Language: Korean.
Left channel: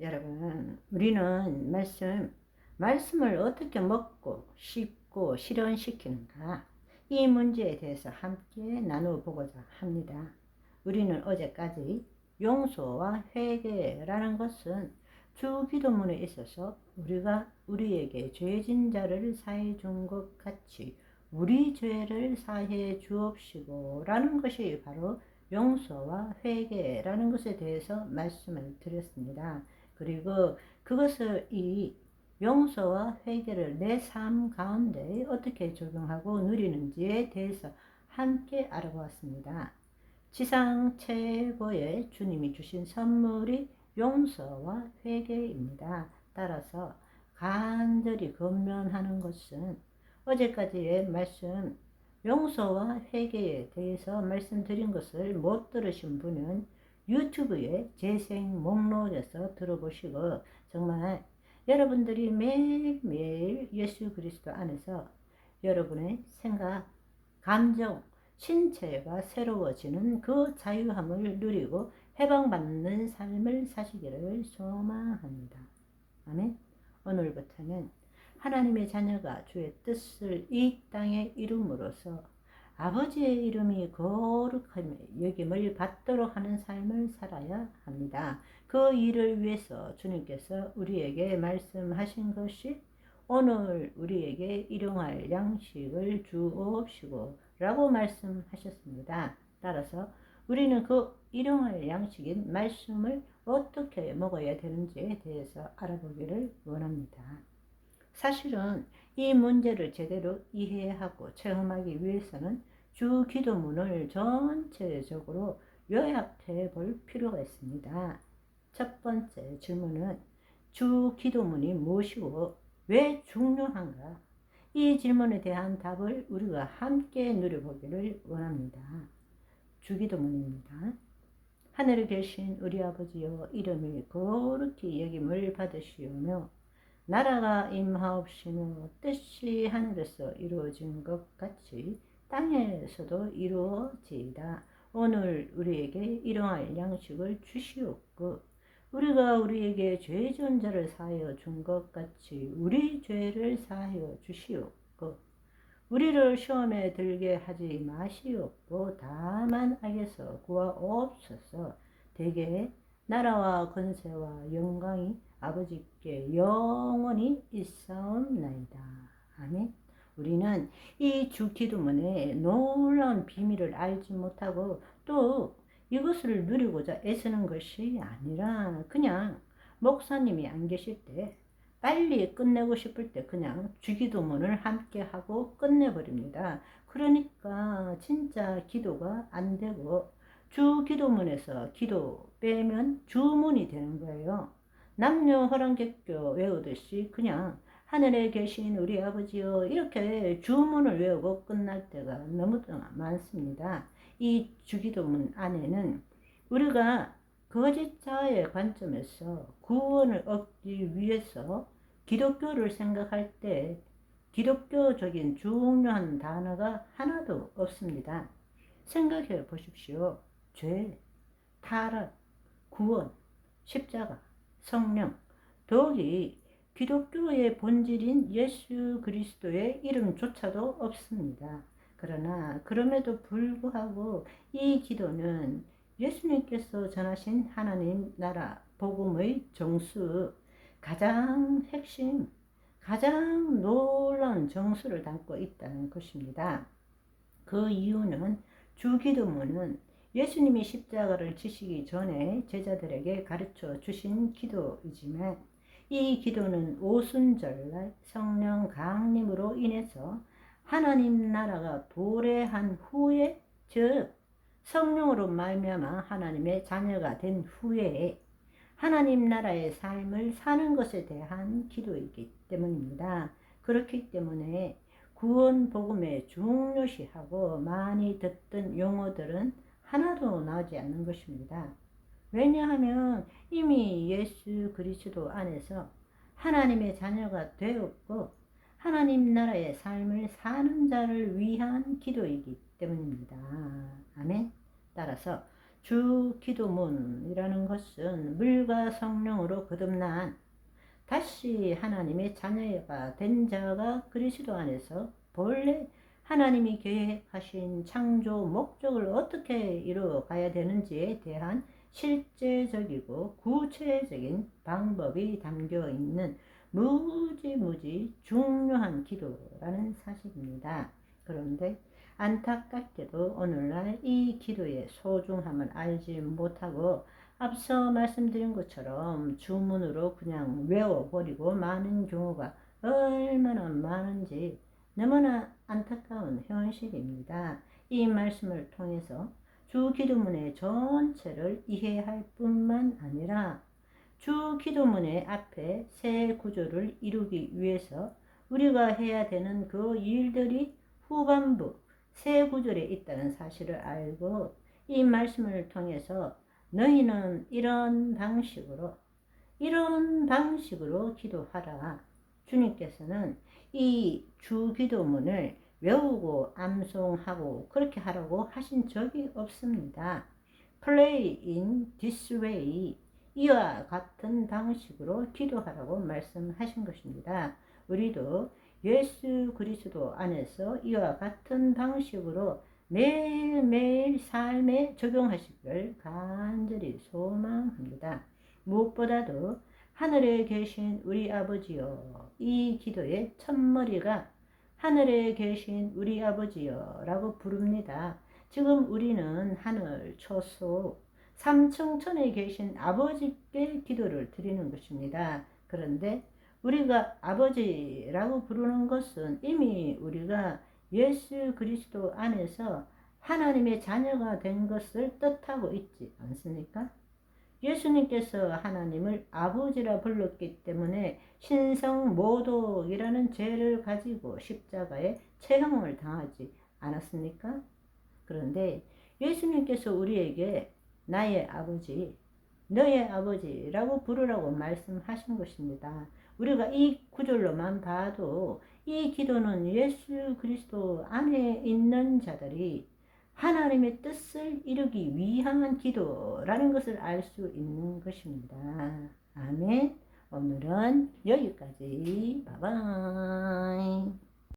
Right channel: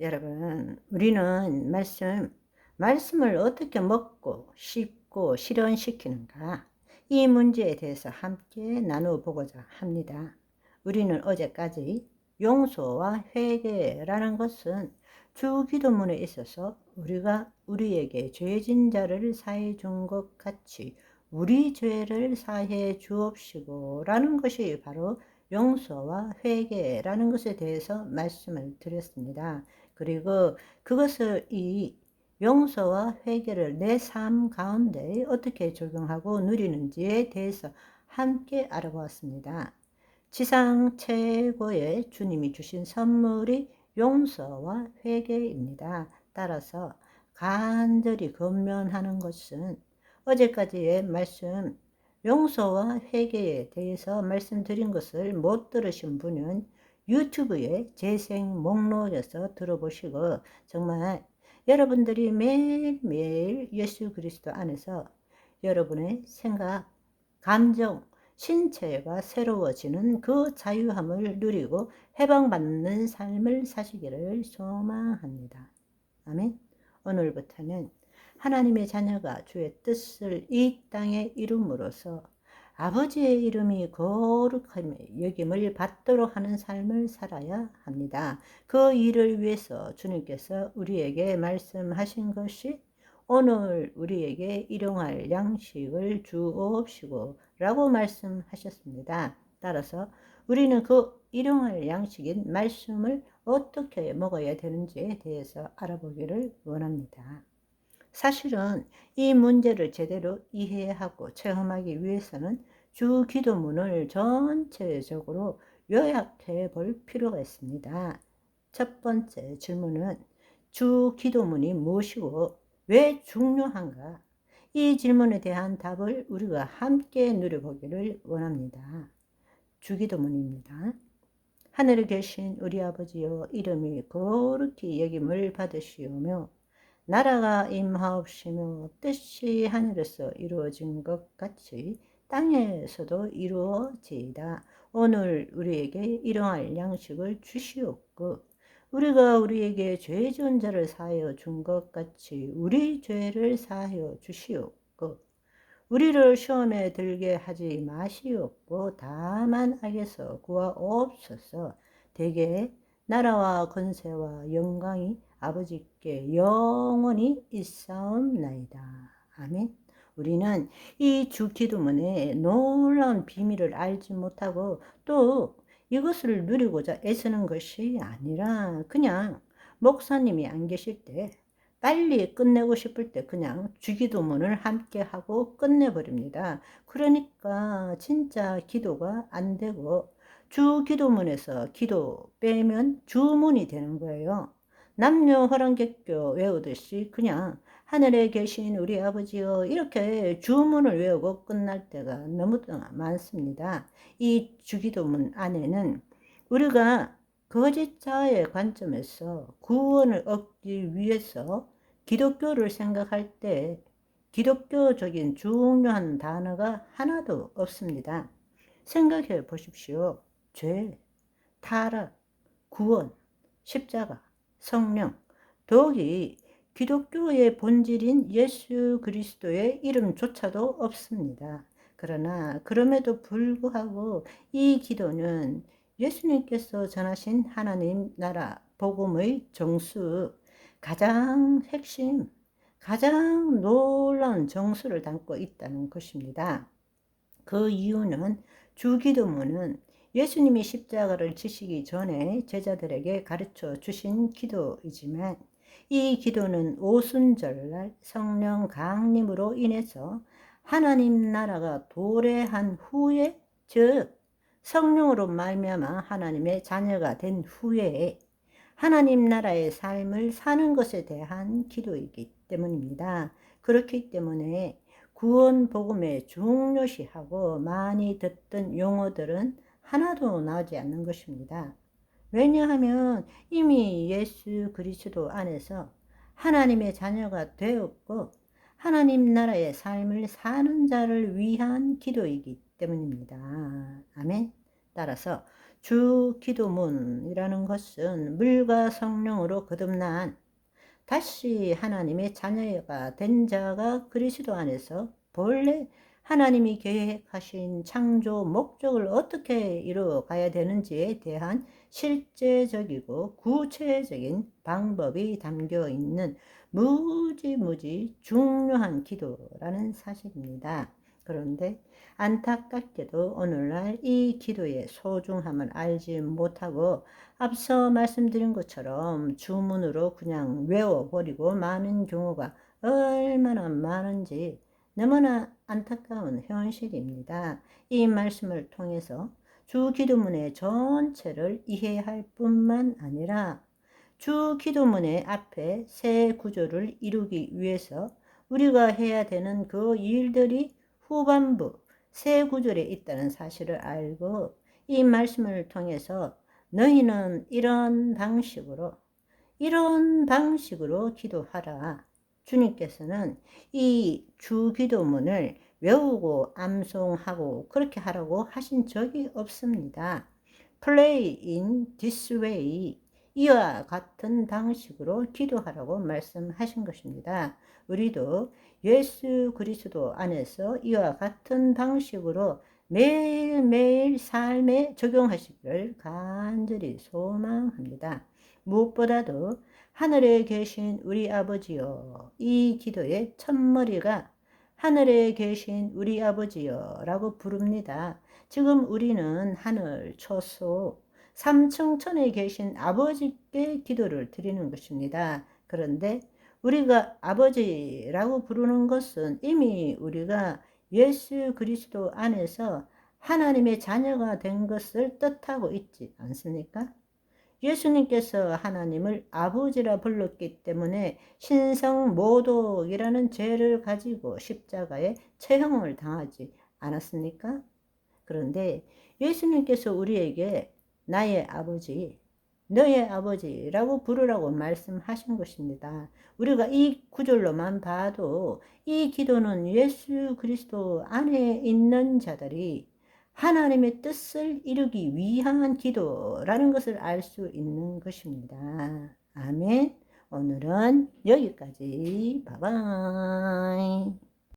여러분, 우리는 말씀을 어떻게 먹고 씹고 실현시키는가? 이 문제에 대해서 함께 나눠보고자 합니다. 우리는 어제까지 용서와 회개라는 것은 주기도문에 있어서 우리가 우리에게 죄진 자를 사해 준 것 같이 우리 죄를 사해 주옵시고 라는 것이 바로 용서와 회개라는 것에 대해서 말씀을 드렸습니다. 그리고 그것을 이 용서와 회개를 내 삶 가운데 어떻게 적용하고 누리는지에 대해서 함께 알아보았습니다. 지상 최고의 주님이 주신 선물이 용서와 회개입니다. 따라서 간절히 권면하는 것은 어제까지의 말씀 용서와 회개에 대해서 말씀드린 것을 못 들으신 분은 유튜브에 재생 목록에서 들어보시고 정말 여러분들이 매일매일 예수 그리스도 안에서 여러분의 생각, 감정, 신체가 새로워지는 그 자유함을 누리고 해방받는 삶을 사시기를 소망합니다. 아멘. 오늘부터는 하나님의 자녀가 주의 뜻을 이 땅에 이룸으로써 아버지의 이름이 거룩하며 여김을 받도록 하는 삶을 살아야 합니다. 그 일을 위해서 주님께서 우리에게 말씀하신 것이 오늘 우리에게 일용할 양식을 주옵시고 라고 말씀하셨습니다. 따라서 우리는 그 일용할 양식인 말씀을 어떻게 먹어야 되는지에 대해서 알아보기를 원합니다. 사실은 이 문제를 제대로 이해하고 체험하기 위해서는 주 기도문을 전체적으로 요약해 볼 필요가 있습니다. 첫 번째 질문은 주 기도문이 무엇이고 왜 중요한가? 이 질문에 대한 답을 우리가 함께 누려보기를 원합니다. 주 기도문입니다. 하늘에 계신 우리 아버지여, 이름이 거룩히 여김을 받으시오며 나라가 임하옵시며 뜻이 하늘에서 이루어진 것 같이 땅에서도 이루어지이다. 오늘 우리에게 일용할 양식을 주시옵고 우리가 우리에게 죄 지은 자를 사하여 준 것 같이 우리 죄를 사하여 주시옵고 우리를 시험에 들게 하지 마시옵고 다만 악에서 구하옵소서. 대개 나라와 권세와 영광이 아버지께 영원히 있사옵나이다. 아멘. 우리는 이 주 기도문의 놀라운 비밀을 알지 못하고 또 이것을 누리고자 애쓰는 것이 아니라 그냥 목사님이 안 계실 때 빨리 끝내고 싶을 때 그냥 주기도문을 함께 하고 끝내버립니다. 그러니까 진짜 기도가 안 되고 주기도문에서 기도 빼면 주문이 되는 거예요. 남녀 호랑객교 외우듯이 그냥 하늘에 계신 우리 아버지여 이렇게 주문을 외우고 끝날 때가 너무 많습니다. 이 주기도문 안에는 우리가 거짓자의 관점에서 구원을 얻기 위해서 기독교를 생각할 때 기독교적인 중요한 단어가 하나도 없습니다. 생각해 보십시오. 죄, 타락, 구원, 십자가, 성령, 더욱이 기독교의 본질인 예수 그리스도의 이름조차도 없습니다. 그러나 그럼에도 불구하고 이 기도는 예수님께서 전하신 하나님 나라 복음의 정수, 가장 핵심, 가장 놀라운 정수를 담고 있다는 것입니다. 그 이유는 주기도문은 예수님이 십자가를 지시기 전에 제자들에게 가르쳐 주신 기도이지만 이 기도는 오순절날 성령 강림으로 인해서 하나님 나라가 도래한 후에, 즉 성령으로 말미암아 하나님의 자녀가 된 후에 하나님 나라의 삶을 사는 것에 대한 기도이기 때문입니다. 그렇기 때문에 구원 복음에 중요시하고 많이 듣던 용어들은 하나도 나오지 않는 것입니다. 왜냐하면 이미 예수 그리스도 안에서 하나님의 자녀가 되었고 하나님 나라의 삶을 사는 자를 위한 기도이기 때문입니다. 아멘. 따라서 주 기도문이라는 것은 물과 성령으로 거듭난 다시 하나님의 자녀가 된 자가 그리스도 안에서 본래 하나님이 계획하신 창조 목적을 어떻게 이루어가야 되는지에 대한 실제적이고 구체적인 방법이 담겨 있는 무지 중요한 기도라는 사실입니다. 그런데 안타깝게도 오늘날 이 기도의 소중함을 알지 못하고 앞서 말씀드린 것처럼 주문으로 그냥 외워버리고 마는 경우가 얼마나 많은지 너무나 안타까운 현실입니다. 이 말씀을 통해서 주 기도문의 전체를 이해할 뿐만 아니라 주 기도문의 앞에 새 구조를 이루기 위해서 우리가 해야 되는 그 일들이 후반부 새 구절에 있다는 사실을 알고 이 말씀을 통해서 너희는 이런 방식으로 기도하라. 주님께서는 이 주기도문을 외우고 암송하고 그렇게 하라고 하신 적이 없습니다. Pray in this way. 이와 같은 방식으로 기도하라고 말씀하신 것입니다. 우리도 예수 그리스도 안에서 이와 같은 방식으로 매일매일 삶에 적용하시기를 간절히 소망합니다. 무엇보다도 하늘에 계신 우리 아버지여, 이 기도의 첫머리가 하늘에 계신 우리 아버지여 라고 부릅니다. 지금 우리는 하늘 초소 3층천에 계신 아버지께 기도를 드리는 것입니다. 그런데 우리가 아버지라고 부르는 것은 이미 우리가 예수 그리스도 안에서 하나님의 자녀가 된 것을 뜻하고 있지 않습니까? 예수님께서 하나님을 아버지라 불렀기 때문에 신성모독이라는 죄를 가지고 십자가에 체형을 당하지 않았습니까? 그런데 예수님께서 우리에게 나의 아버지, 너의 아버지라고 부르라고 말씀하신 것입니다. 우리가 이 구절로만 봐도 이 기도는 예수 그리스도 안에 있는 자들이 하나님의 뜻을 이루기 위한 기도라는 것을 알 수 있는 것입니다. 아멘. 오늘은 여기까지. 바이바이.